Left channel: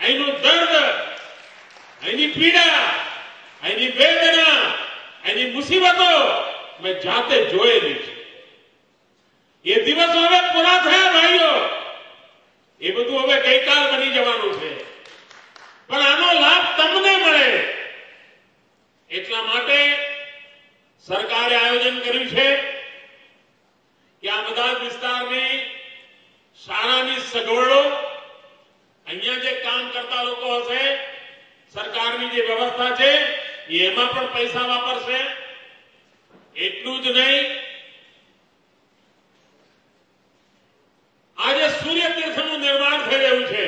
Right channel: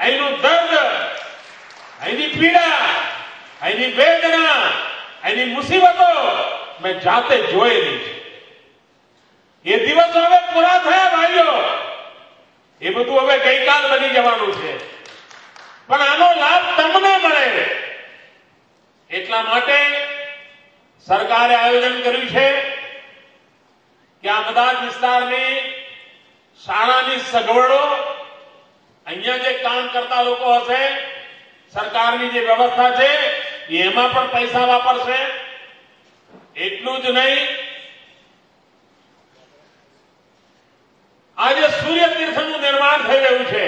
અહીંનું દર્દ, અહીંની પીડા, અહીંની વેદના, અહીંની મુસીબતો મેં જાતે જોઈ રહી છે. એ દિવસો હવે પૂરા થયા ભાઈઓ. એ બધું હવે ગઈકાલ બની જવાનું છે. પણ આનો લાભ તમને મળે એટલા માટે સરકારે આયોજન કર્યું છે કે આ બધા જ વિસ્તારની શાળાની સગવડો, અહીંયા જે કામ કરતા લોકો હશે, સરકારની જે વ્યવસ્થા છે એમાં પણ પૈસા વાપરશે. એટલું જ નહીં, આજે સૂર્ય તીર્થનું નિર્માણ થઈ રહ્યું છે,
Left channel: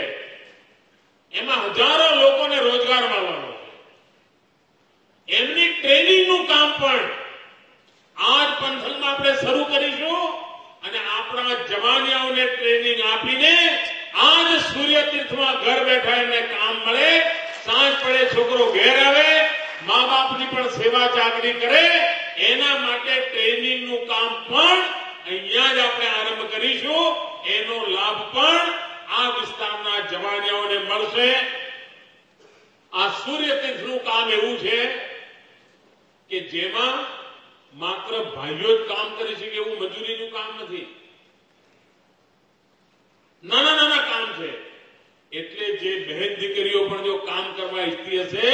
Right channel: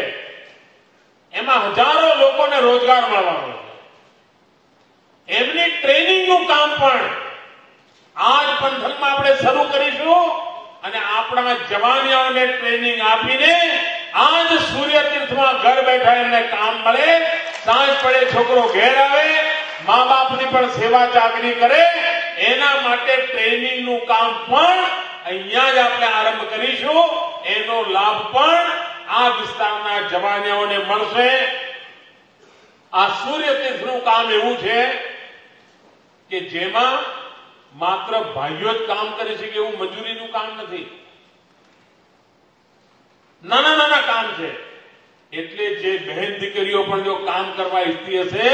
એમાં હજારો લોકોને રોજગાર મળવાનો છે. એમની ટ્રેનિંગનું કામ પણ આ જ પંથકમાં આપણે શરૂ કરીશું અને આપણા જવાનિયાઓને ટ્રેનિંગ આપીને આ જ સૂર્ય તીર્થમાં ઘર બેઠા એમને કામ મળે, સાંજ પડે છોકરો ઘેર આવે, મા બાપની પણ સેવા ચાકરી કરે, એના માટે ટ્રેનિંગનું કામ પણ અહીંયા જ આપણે આરંભ કરીશું. એનો લાભ પણ આ વિસ્તારના જવાનિયાઓને મળશે. આ સૂર્ય તીર્થનું કામ એવું છે કે જેમાં માત્ર ભાઈઓ જ કામ કરી શકે એવું મજૂરીનું કામ નથી. નાના નાના કામ છે. એટલે જે બહેન દીકરીઓ પણ જો કામ કરવા ઈચ્છતી હશે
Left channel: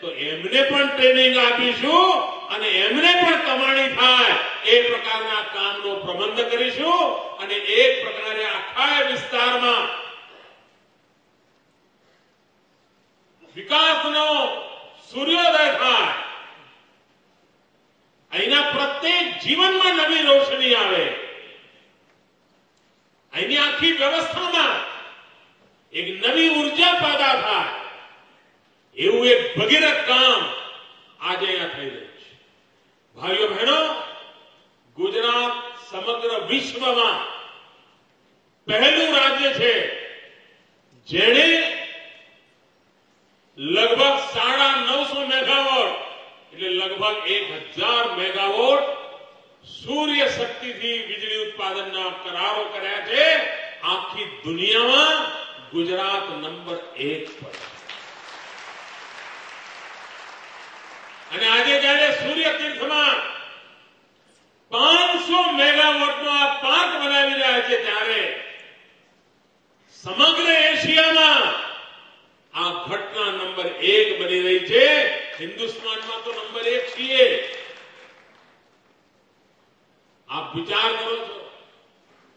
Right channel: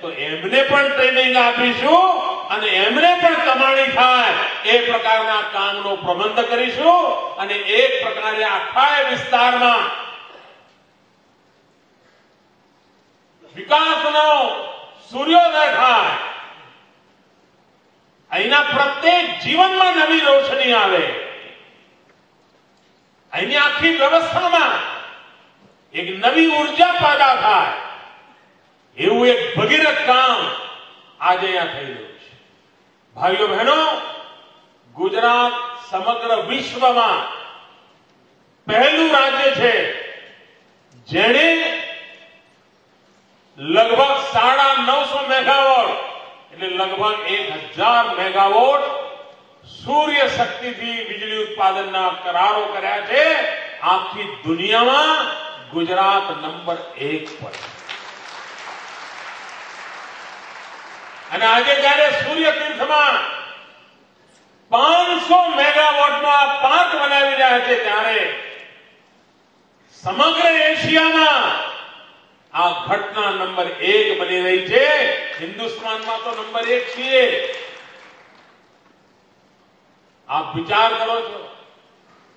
તો એમને પણ ટ્રેનિંગ આપીશું અને એમને પણ કમાણી થાય એ પ્રકારના કામનો પ્રબંધ કરીશું અને એક પ્રકારે આખા વિસ્તારમાં વિકાસનો સૂર્યોદય થાય. અહીંના પ્રત્યેક જીવનમાં નવી રોશની આવે. અહીંની આખી વ્યવસ્થામાં એક નવી ઉર્જા પેદા થાય એવું એક ભગીરથ કામ આજે અહીંયા થઈ રહ્યું છે. ભાઈઓ બહેનો, ગુજરાત સમગ્ર વિશ્વમાં પહેલું રાજ્ય છે જેણે લગભગ 950 મેગાવોટ એટલે લગભગ 1000 મેગાવોટ સૂર્ય શક્તિથી વીજળી ઉત્પાદનના કરારો કર્યા છે. આખી દુનિયામાં ગુજરાત નંબર 1 પર. અને આજે જયારે સૂર્ય તીર્થમાં 500 મેગાવોટનો આ પાર્ક બનાવી રહ્યા છે ત્યારે સમગ્ર એશિયામાં આ ઘટના નંબર 1 બની રહી છે. હિન્દુસ્તાનમાં તો નંબર 1 છીએ. આપ વિચાર કરો છો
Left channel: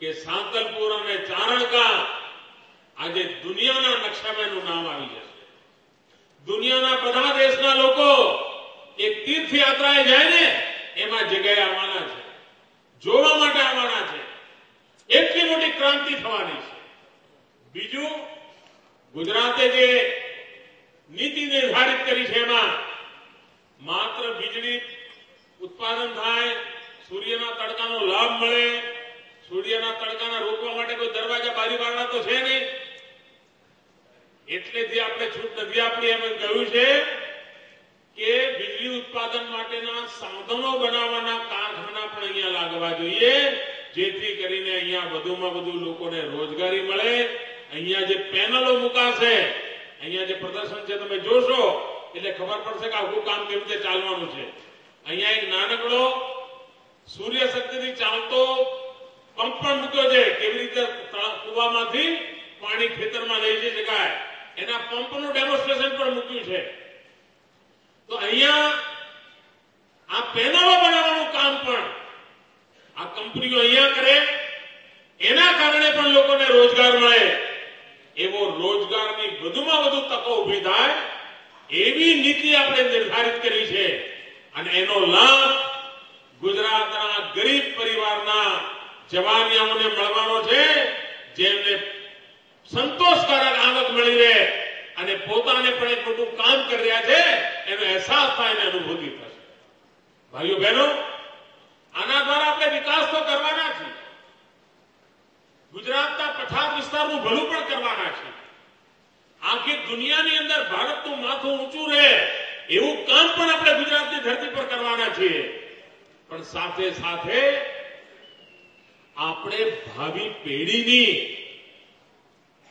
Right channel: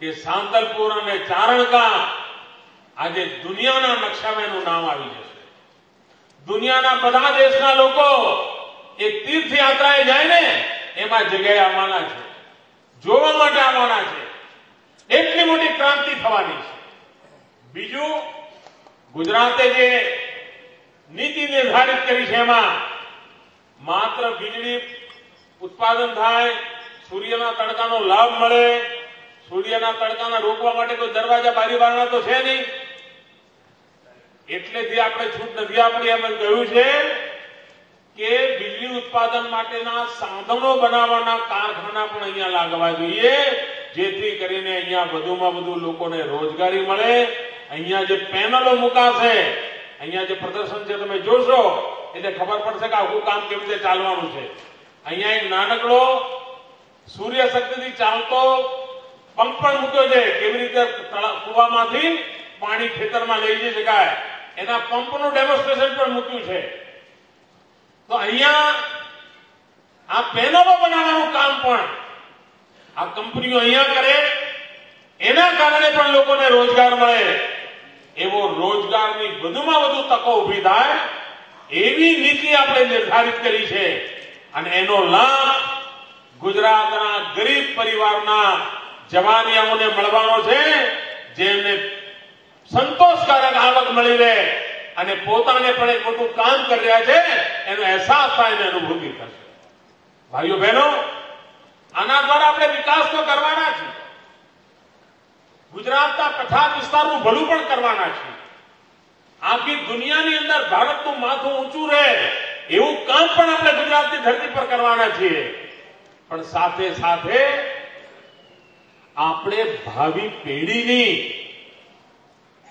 કે સાંતલપુર અને ચારણકા આજે દુનિયાના નકશામાં એનું નામ આવી જશે. દુનિયાના બધા દેશના લોકો એક તીર્થયાત્રાએ જાય ને એમાં જગ્યાએ આવવાના છે, જોવા માટે આવવાના છે. એટલી મોટી ક્રાંતિ થવાની છે. બીજું, ગુજરાતે જે નીતિ નિર્ધારિત કરી છે એમાં માત્ર વીજળી ઉત્પાદન થાય, સૂર્યના તડકાનો લાભ મળે, સૂર્યના તડકાના રોકવા માટે કોઈ દરવાજા બારી બારણા તો છે નહીં. એટલેથી આપણે છૂટ નથી આપણી. એમ કહ્યું છે કે વીજળી ઉત્પાદન માટેના સાધનો બનાવવાના કારખાના પણ અહીંયા લાગવા જોઈએ, જેથી કરીને અહીંયા વધુમાં વધુ લોકોને રોજગારી મળે. અહીંયા જે પેનલો મુકાશે, અહીંયા જે પ્રદર્શન છે તમે જોશો એટલે ખબર પડશે કે આખું કામ કેવી રીતે ચાલવાનું છે. અહીંયા એક નાનકડો સૂર્ય શક્તિથી ચાલતો પંપ પણ મૂક્યો છે. કેવી રીતે કુવામાંથી પાણી ખેતરમાં લઈ જઈ શકાય એના પંપનું ડેમોન્સ્ટ્રેશન પણ મૂક્યું છે. તો અહીંયા આ પેનલો બનાવવાનું કામ પણ આ કંપનીઓ અહીંયા કરે, એના કારણે પણ લોકોને રોજગાર મળે. એવો રોજગારની વધુમાં વધુ તકો ઉભી થાય એવી નીતિ આપણે નિર્ધારિત કરી છે. અને એનો લાભ ગુજરાતના ગરીબ પરિવારના જવાનિયાઓને મળવાનો છે, જેમને સંતોષકારક આવક મળી રહે અને પોતાને પણ એક મોટું કામ કરી રહ્યા છે એનો અહેસાસ થાય અને અનુભૂતિ થશે. ભાઈઓ બહેનો, આના દ્વારા આપણે વિકાસ તો કરવાના છીએ. ગુજરાતના પછાત વિસ્તારનું ભલું પણ કરવાના છે. આખી દુનિયાની અંદર ભારતનું માથું ઊંચું રહે એવું કામ પણ આપણે ગુજરાતની ધરતી પર કરવાના છીએ. પણ સાથે સાથે આપણે ભાવિ પેઢીની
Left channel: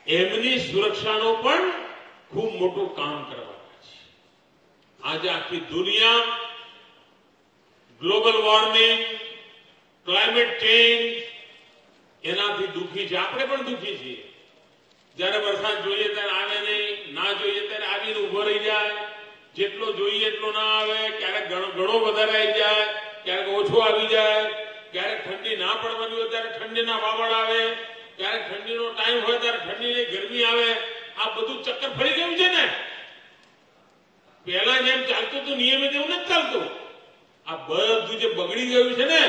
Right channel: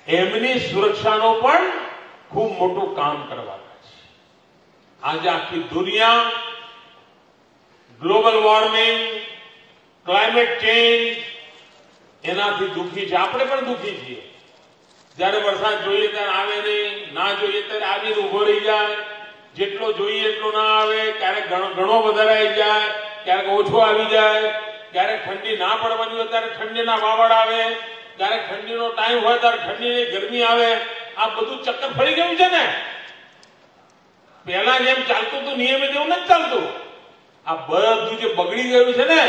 એમની સુરક્ષાનો પણ ખૂબ મોટું કામ કરવાના છે. આજે આખી દુનિયા ગ્લોબલ વોર્મિંગ, ક્લાઇમેટ ચેન્જ એનાથી દુઃખી છે. આપણે પણ દુઃખી છીએ. જયારે વરસાદ જોઈએ ત્યારે આવે નહીં, ના જોઈએ ત્યારે આવીને ઉભો રહી જાય, જેટલો જોઈએ એટલો ના આવે, ક્યારેક ઘણો વધારે આવી જાય, ક્યારેક ઓછો આવી જાય, ક્યારેક ઠંડી ના પડવાની હોય ત્યારે ઠંડીના વાવડ આવે, ક્યારેક ઠંડીનો ટાઈમ હોય ત્યારે ઠંડીની ગરમી આવે. આ બધું ચક્કર ફરી ગયું છે ને. પહેલા જેમ ચાલતું હતું નિયમિત એવું નથી ચાલતું. આ બધું જે બગડી ગયું છે ને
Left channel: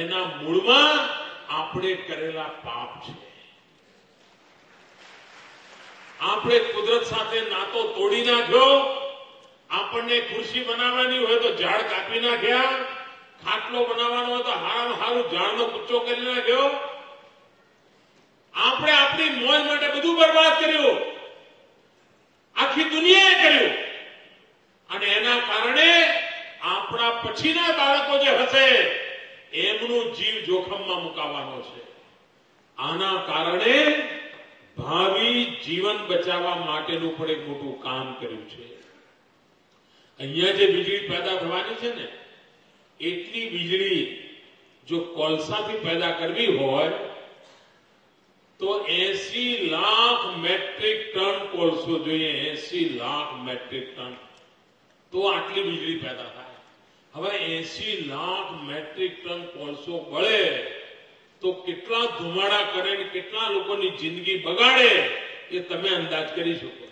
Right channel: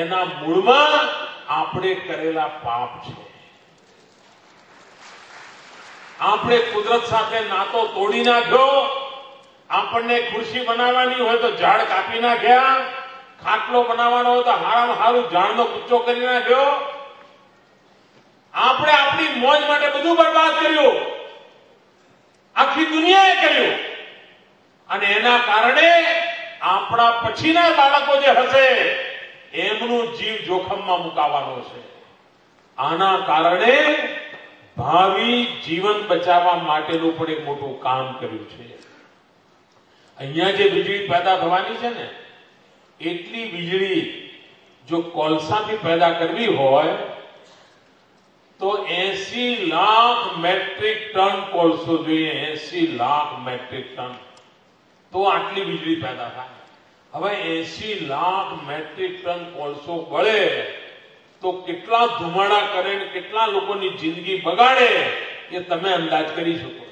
એના મૂળમાં આપણે કરેલા પાપ છે. આપણે કુદરત સાથે નાતો તોડી નાખ્યો. આપણને ખુરશી બનાવવાની હોય તો ઝાડ કાપી નાખ્યા, ખાટલો બનાવવાનો હોય તો હારામાં હારું ઝાડનો કુચ્ચો કરી નાખ્યો. આપણે આપણી મોજ માટે બધું બરબાદ કર્યું, આખી દુનિયાએ કર્યું. અને એના કારણે આપણા પછીના બાળકો જે હશે એમનું જીવ જોખમમાં મુકાવાનો છે. આના કારણે ભાવિ જીવન બચાવવા માટેનું પણ એક મોટું કામ કર્યું છે. અહીંયા જે વીજળી પેદા થવાની છે ને એટલી વીજળી જો કોલસાથી પેદા કરવી હોય તો 80 લાખ મેટ્રિક ટન કોલસો જોઈએ. 80 લાખ મેટ્રિક ટન તો આટલી વીજળી પેદા થાય. હવે 80 લાખ મેટ્રિક ટન કોલસો બળે તો કેટલા ધુમાડા કરે ને કેટલા લોકોની જિંદગી બગાડે એ તમે અંદાજ કરી શકો.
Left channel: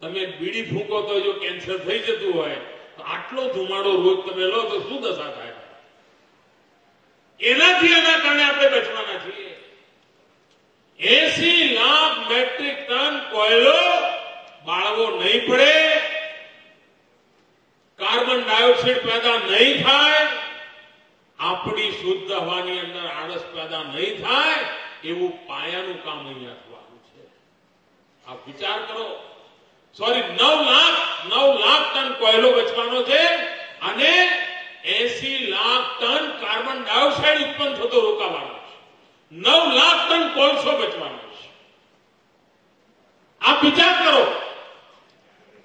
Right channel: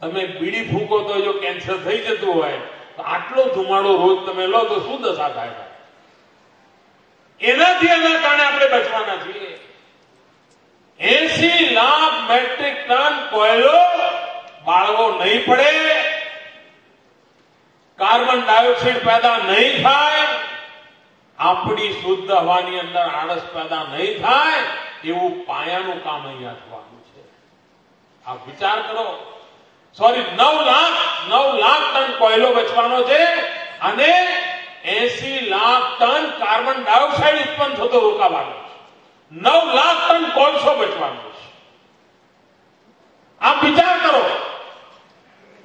તમે બીડી ફૂંકો તો જો કેન્સર થઈ જતું હોય તો આટલો ધુમાડો રોજ તમે લો તો શું દશા થાય? એનાથી આના કારણે આપણે બચવાના છીએ. 80 લાખ મેટ્રિક ટન કોયલો બાળવો નહીં પડે, કાર્બન ડાયોક્સાઇડ પેદા નહીં થાય, આપણી શુદ્ધ હવાની અંદર આળસ પેદા નહીં થાય, એવું પાયાનું કામ અહીંયા થવાનું છે. આપ વિચાર કરો. 9 લાખ ટન કોયલો બચવાનો છે અને 80 લાખ ટન કાર્બન ડાયોક્સાઇડ ઉત્પન્ન થતો રોકાવાનો છે. 9 લાખ ટન કોલસો બચવાનો છે. આપ વિચાર કરો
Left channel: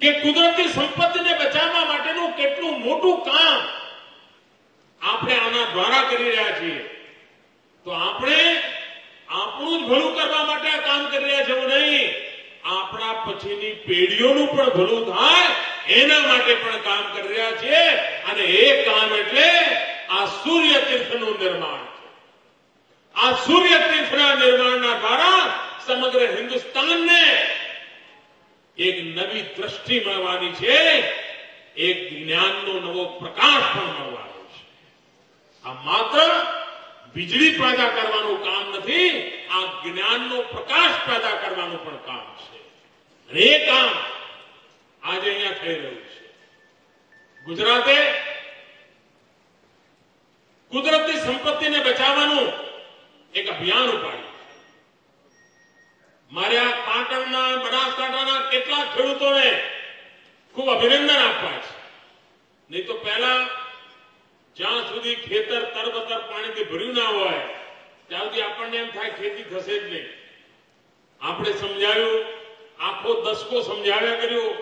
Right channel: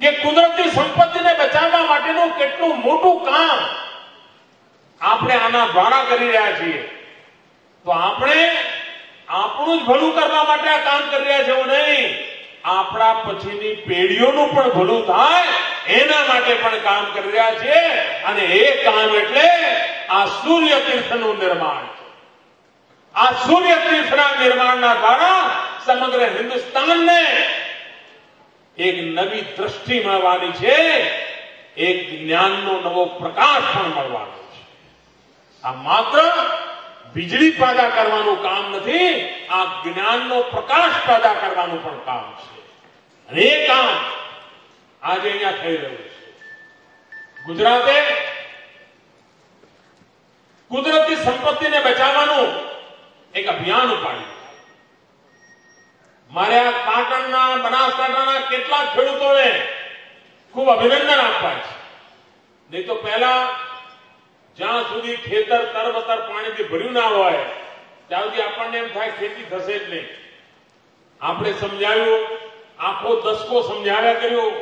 કે કુદરતી સંપત્તિને બચાવવા માટેનું કેટલું મોટું કામ આપણે આના દ્વારા કરી રહ્યા છીએ. તો આપણે આપણું જ ભલું કરવા માટે આ કામ કરી રહ્યા છે એવું નહીં, આપણા પછીની પેઢીઓનું પણ ભલું થાય એના માટે પણ કામ કરી રહ્યા છીએ. અને એ કામ એટલે આ સૂર્ય તીર્થનું નિર્માણ છે. આ સૂર્ય તીર્થના નિર્માણના દ્વારા સમગ્ર હિન્દુસ્તાનને એક નવી દ્રષ્ટિ મળવાની છે, એક જ્ઞાનનો નવો પ્રકાશ પણ મળવાનો છે. આ માત્ર વીજળી પેદા કરવાનું કામ નથી, આ જ્ઞાનનો પ્રકાશ પેદા કરવાનું પણ કામ છે. અને એ કામ આજે અહીંયા થઈ રહ્યું છે. ગુજરાતે કુદરતી સંપત્તિને બચાવવાનું એક અભિયાન ઉપાડ્યું. મારે આ પાટણના, બનાસકાંઠાના કેટલાક ખેડૂતોને ખૂબ અભિનંદન આપવા છે. નહીં તો પહેલા જ્યાં સુધી ખેતર તરબતર પાણીથી ભર્યું ના હોય ત્યાં સુધી આપણને એમ થાય ખેતી થશે જ નહીં. આપણે સમજાવ્યું, આખો દસકો સમજાવ્યા કર્યું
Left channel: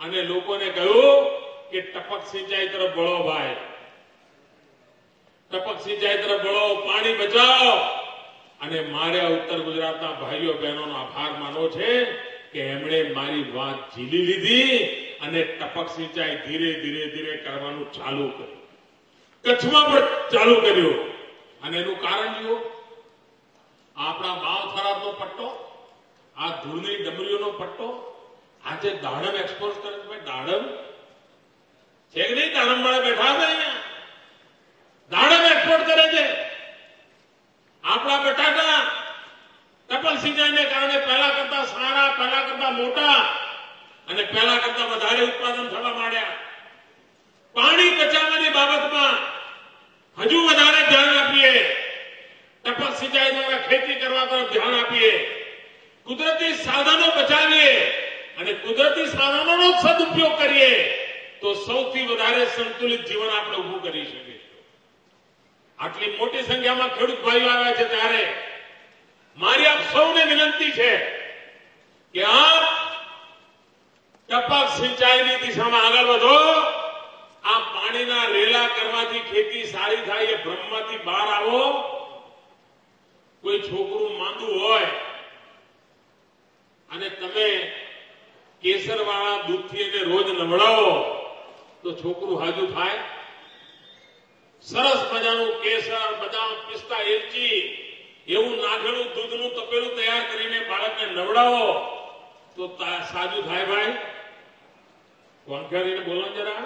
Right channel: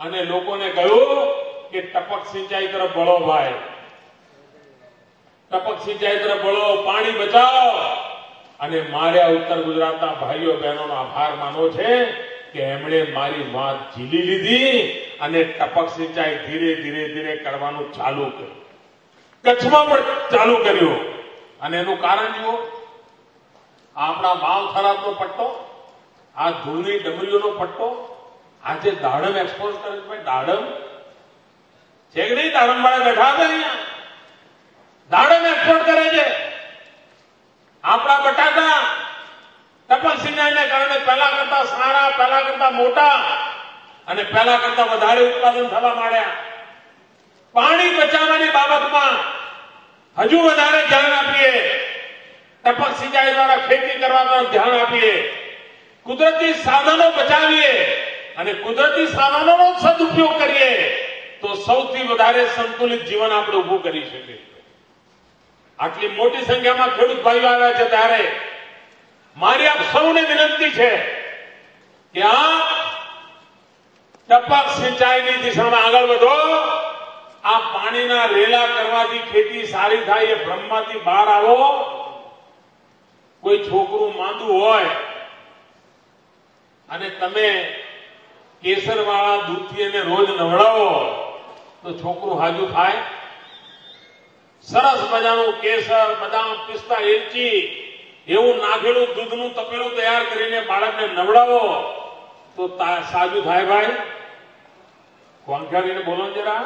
અને લોકોને કહ્યું કે ટપક સિંચાઈ તરફ વળો ભાઈ, ટપક સિંચાઈ તરફ વળો, પાણી બચાવો. અને મારે ઉત્તર ગુજરાતના ભાઈઓ બહેનોનો આભાર માનવો છે કે એમણે મારી વાત ઝીલી લીધી અને ટપક સિંચાઈ ધીરે ધીરે ધીરે કરવાનું ચાલુ કર્યું. કચ્છમાં પણ ચાલુ કર્યું. અને એનું કારણ જુઓ, આપણા વાવ થરાદનો પટ્ટો, આ ધૂળની ડમરીઓનો પટ્ટો, આજે દાડમ એક્સપોર્ટ કરે છે. ભાઈ દાડમ છે કે નહીં? દાડમ વાળા બેઠા હતા અહીંયા, દાડમ એક્સપોર્ટ કરે છે. આપણા બટાકા ટપક સિંચાઈને કારણે પહેલા કરતા સારા, પહેલા કરતા મોટા અને પહેલા કરતા વધારે ઉત્પાદન થવા માંડ્યા. પાણી બચાવવાની બાબતમાં હજુ વધારે ધ્યાન આપીએ, ટપક સિંચાઈ દ્વારા ખેતી કરવા તરફ ધ્યાન આપીએ, કુદરતી સાધનો બચાવીએ અને કુદરતી સાધનોનો સદુપયોગ કરીએ તો સૌથી વધારે સંતુલિત જીવન આપણે ઉભું કરી શકીએ. આટલી મોટી સંખ્યામાં ખેડૂત ભાઈઓ આવ્યા છે ત્યારે મારી આપ સૌને વિનંતી છે કે આપ ટપક સિંચાઈની દિશામાં આગળ વધો. આ પાણીના રેલા કરવાથી ખેતી સારી થાય એ ભ્રમમાંથી બહાર આવો. કોઈ છોકરું માંદું હોય અને તમે કેસરવાળા દૂધથી એને રોજ નવડાવો તો છોકરું હાજુ થાય? સરસ મજાનું કેસર, બદામ, પિસ્તા, એલચી એવું નાખેલું દૂધનું તપેલું તૈયાર કરીને બાળકને નવડાવો તો સાજુ થાય ભાઈ? કોંખારીને બોલો જરા.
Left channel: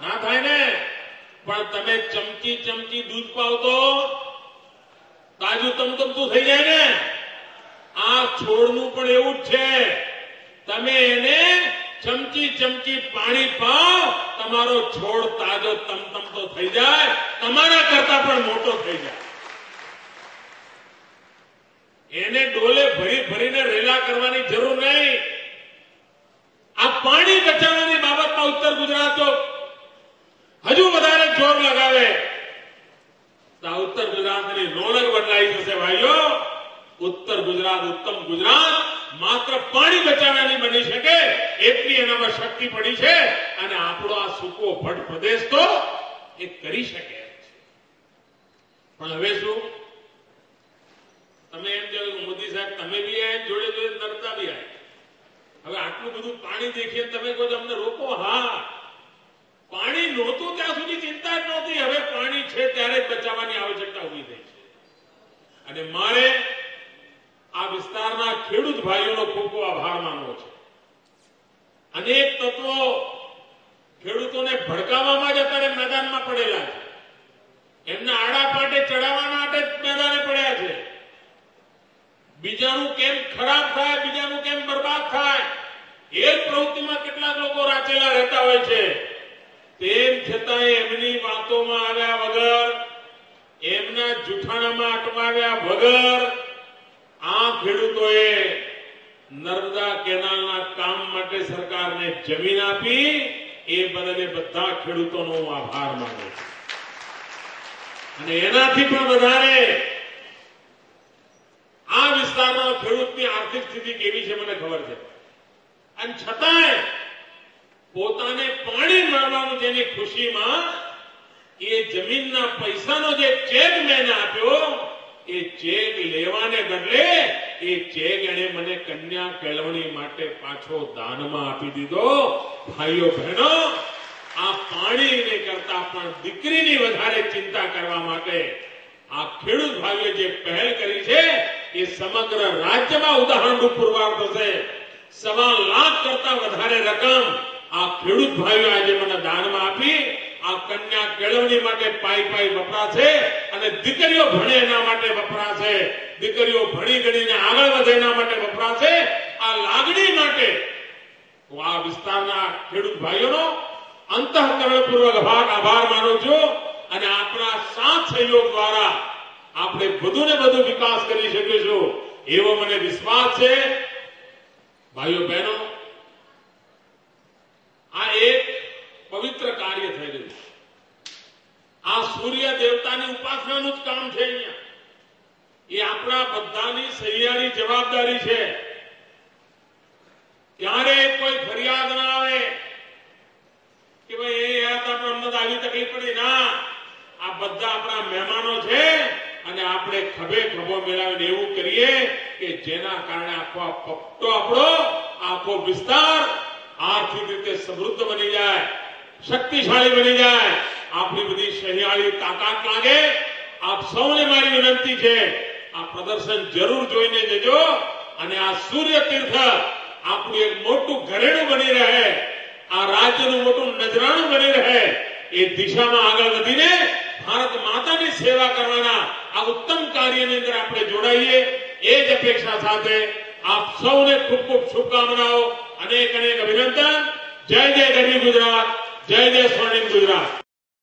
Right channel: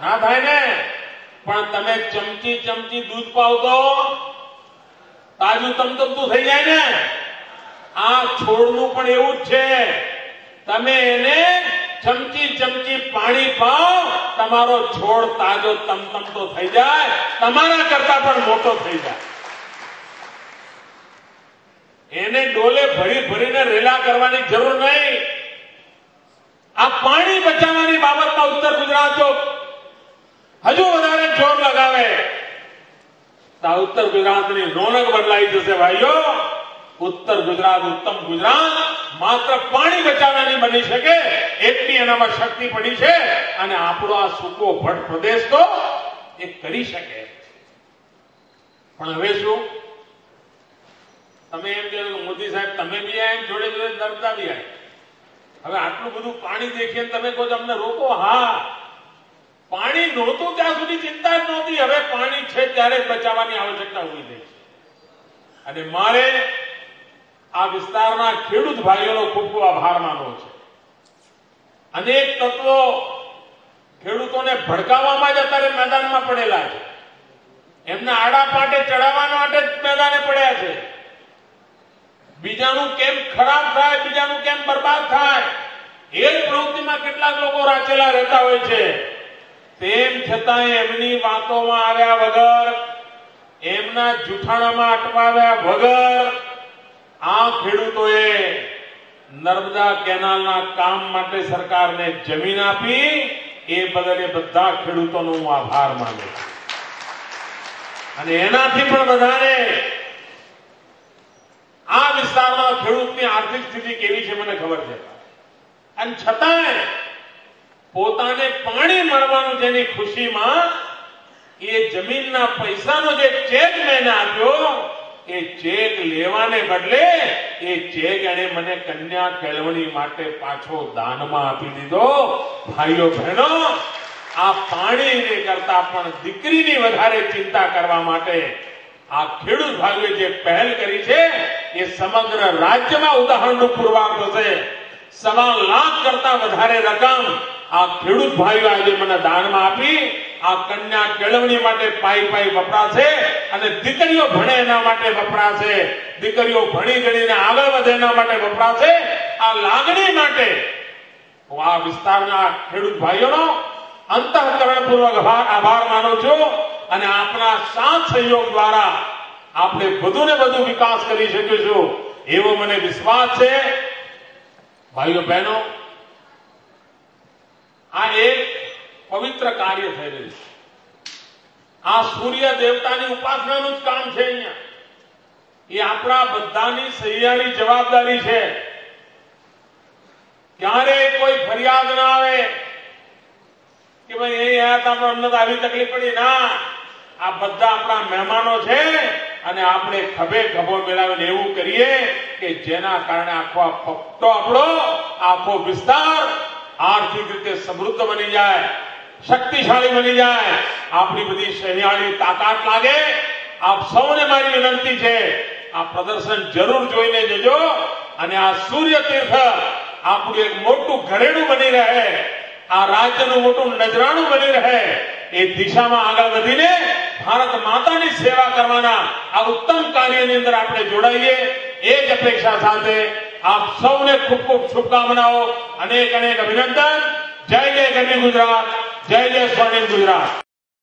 ના થાય ને. પણ તમે ચમચી ચમચી દૂધ પાવ તો તાજું તમતમતું થઈ જાય ને. આ છોડનું પણ એવું જ છે. તમે એને ચમચી ચમચી પાણી પાવ, તમારો છોડ તાજો તમતમતો થઈ જાય, તમારા કરતા પણ મોટો થઈ જાય. એને ડોલે ભરી ભરીને રેલા કરવાની જરૂર નહીં. આ પાણી બચાવવાની બાબતમાં ઉત્તર ગુજરાતો હજુ વધારે જોર લગાવે તો ઉત્તર ગુજરાતની રોનક બદલાઈ જશે ભાઈઓ. ઉત્તર ગુજરાત, ઉત્તમ ગુજરાત માત્ર પાણી બચાવવાની બની શકે એટલી એનામાં શક્તિ પડી છે. અને આપણો આ સૂકો ભટ્ટ પ્રદેશ તો એ કરી શકે. પણ હવે શું? તમે એમ કહો મોદી સાહેબ તમે બી આયા, જોડે જોડે નર્મદા બી આવી. હવે આટલું બધું પાણી દેખીને તમે કહો છો અમને રોકો. હા, પાણી નહોતું ત્યાં સુધી ચિંતા જ નહોતી. હવે પાણી છે ત્યારે જ બચાવવાની આવશ્યકતા ઉભી થઈ છે. અને મારે આ વિસ્તારના ખેડૂત ભાઈઓનો ખૂબ ખૂબ આભાર માનવો છે. અનેક તત્વો ખેડૂતોને ભડકાવવામાં જ અત્યારે મેદાનમાં પડેલા છે. એમને આડા પાટે ચડાવવા માટે જ મેદાને પડ્યા છે. બીજાનું કેમ ખરાબ થાય, બીજાનું કેમ બરબાદ થાય, એ જ પ્રવૃત્તિમાં કેટલાક લોકો રાચેલા રહેતા હોય છે. તેમ છતાંય એમની વાતોમાં આવ્યા વગર, એમના જૂઠાણામાં અટવાવ્યા વગર આ ખેડૂતોએ નર્મદા કેનાલના કામ માટે સરકારને જમીન આપી. એ બદલે બધા ખેડૂતોનો હું આભાર માનું છું. અને એનાથી પણ વધારે આ વિસ્તારના ખેડૂતની આર્થિક સ્થિતિ કેવી છે મને ખબર છે. અને છતાંય પોતાને પાણી મળવાનું જેની ખુશીમાં એ જમીનના પૈસાનો જે ચેક મેં આપ્યો, એ ચેક લેવાને બદલે એ ચેક એને મને કન્યા કેળવણી માટે પાછો દાનમાં આપી દીધો. ભાઈઓ બહેનો, આ પાણીને કરતા પણ દીકરીની વધારે ચિંતા કરવા માટે આ ખેડૂત ભાઈઓએ જે પહેલ કરી છે એ સમગ્ર રાજ્યમાં ઉદાહરણરૂપ પુરવાર થશે. 1.25 લાખ કરતા વધારે રકમ આ ખેડૂત ભાઈઓ આજે મને દાનમાં આપી. આ કન્યા કેળવણી માટે પાઈ વપરાશે અને દીકરીઓ ભણે એના માટે વપરાશે. દીકરીઓ ભણી ગણીને આગળ વધે એના માટે વપરાશે. આ લાગણી માટે હું આ વિસ્તારના ખેડૂત ભાઈઓનો અંતઃકરણપૂર્વક આભાર માનું છું. અને આપણા સાથ સહયોગ દ્વારા આપણે વધુ ને વધુ વિકાસ કરી શકીશું એવો મને વિશ્વાસ છે. ભાઈઓ બહેનો, આ એક પવિત્ર કાર્ય થઈ રહ્યું છે. આ સૂર્ય દેવતાની ઉપાસનાનું જ કામ છે. અહીંયા એ આપણા બધાની સહિયારી જવાબદારી છે. ક્યારેય કોઈ ફરિયાદ ના આવે કે ભાઈ એ આયા હતા પણ અમને તો આવી તકલીફ પડી. ના, આ બધા આપણા મહેમાનો છે અને આપણે ખભે ખભો મિલાવીને એવું કરીએ કે જેના કારણે આખો ફક્તો આપણો આખો વિસ્તાર આર્થિક રીતે સમૃદ્ધ બની જાય, શક્તિશાળી બની જાય. આપણી બધી સહિયાળી તાકાત લાગે. આપ સૌને મારી વિનંતી છે, આ પ્રદર્શન જરૂર જોઈને જજો. અને આ સૂર્ય તીર્થ આપણું એક મોટું ઘરેણું બની રહે, આ રાજ્યનું મોટું નજરાણું બની રહે, એ દિશામાં આગળ વધીને ભારત માતાની સેવા કરવાના આ ઉત્તમ કાર્યની અંદર આપણે જોડાઈએ. એ જ અપેક્ષા સાથે આપ સૌને ખૂબ ખૂબ શુભકામનાઓ, અનેક અનેક અભિનંદન. જય જય ગરવી ગુજરાત, જય જય સ્વર્ણિમ ગુજરાત.